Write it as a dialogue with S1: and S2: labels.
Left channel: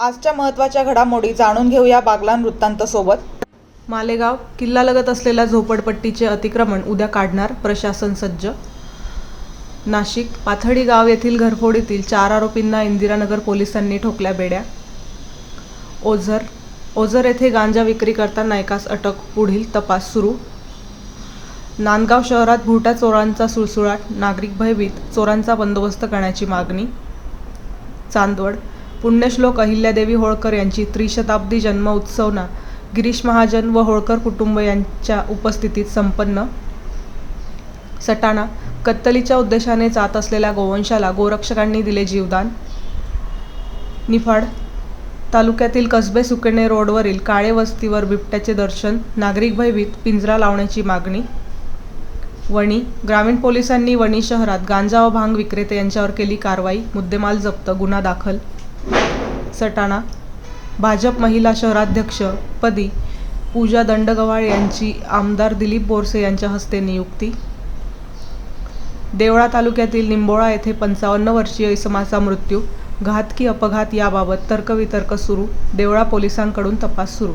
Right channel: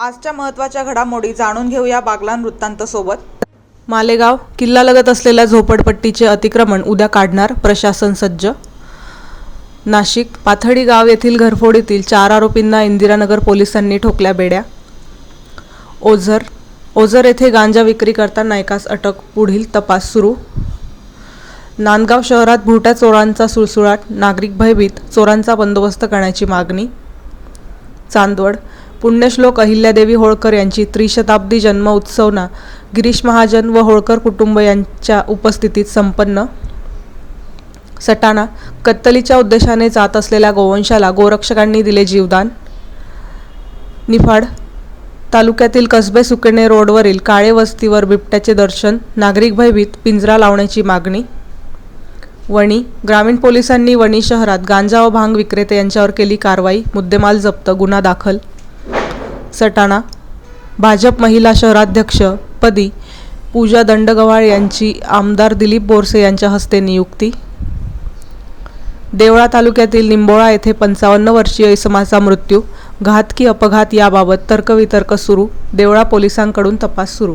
S1: आजच्या महत्त्वाच्या घडामोडी जाणून घेऊया बागलान वृत्तांत सोबत
S2: मालेगाव किल्लालगत असलेल्या झोपडपट्टीचे अतिक्रमण उद्या काढणार प्रशासन सज्ज. नाशिक पाथडी गाव येथील घरफोडीतील चार आरोपींना इंदिरानगर पोलिसांनी ठोकल्या बेड्या. ओझर ओझर येथे गांजा विक्री करताना एकास अटक पुढील तपास सुरू. नांदगाव शहरात भुट्या चोरांचा सुळसुळाट नागरिक भयभीत चोरांचा बंदोबस्त करण्याची मागणी. चांदवड पुण्यश्लोक अहिल्यादेवी होळकर यांची त्रिशताब्दी जन्म उत्सवना गिरीश महाजन व होळकर कुटुंब यांच्या उपस्थितीत संपन्न. सटाणा कत्तलीच्या उद्देशाने जात असलेल्या गोवंशाला गोरक्षकांनी दिले जीवदान. निफाड तालुक्यातील कसबे सुकेणे रोडवरील काळे वस्तीवर बिबट्याचे दर्शन नागरिक भयभीत पिंजरा लावण्याची मागणी. वणी ग्रामीण पोलिसांनी वणी शहरात गांजा व भांग विक्रेते यांच्यावर केली कारवाई मुद्देमाल जप्त गुन्हा दाखल. सटाणा भाजप महिला शहराध्यक्ष पदी पूजा दंडगवाळ यांची आमदार दिलीप बोरसे यांच्या हस्ते नियुक्ती. देवळा तालुक्यातील निंबोळा येथे पंचावन्न वर्षीय इसमाचा मृत्यू घातकी अपघात याबाबत तर्कवितर्क सुरू देवळा पोलिसांकडून तपास सुरू.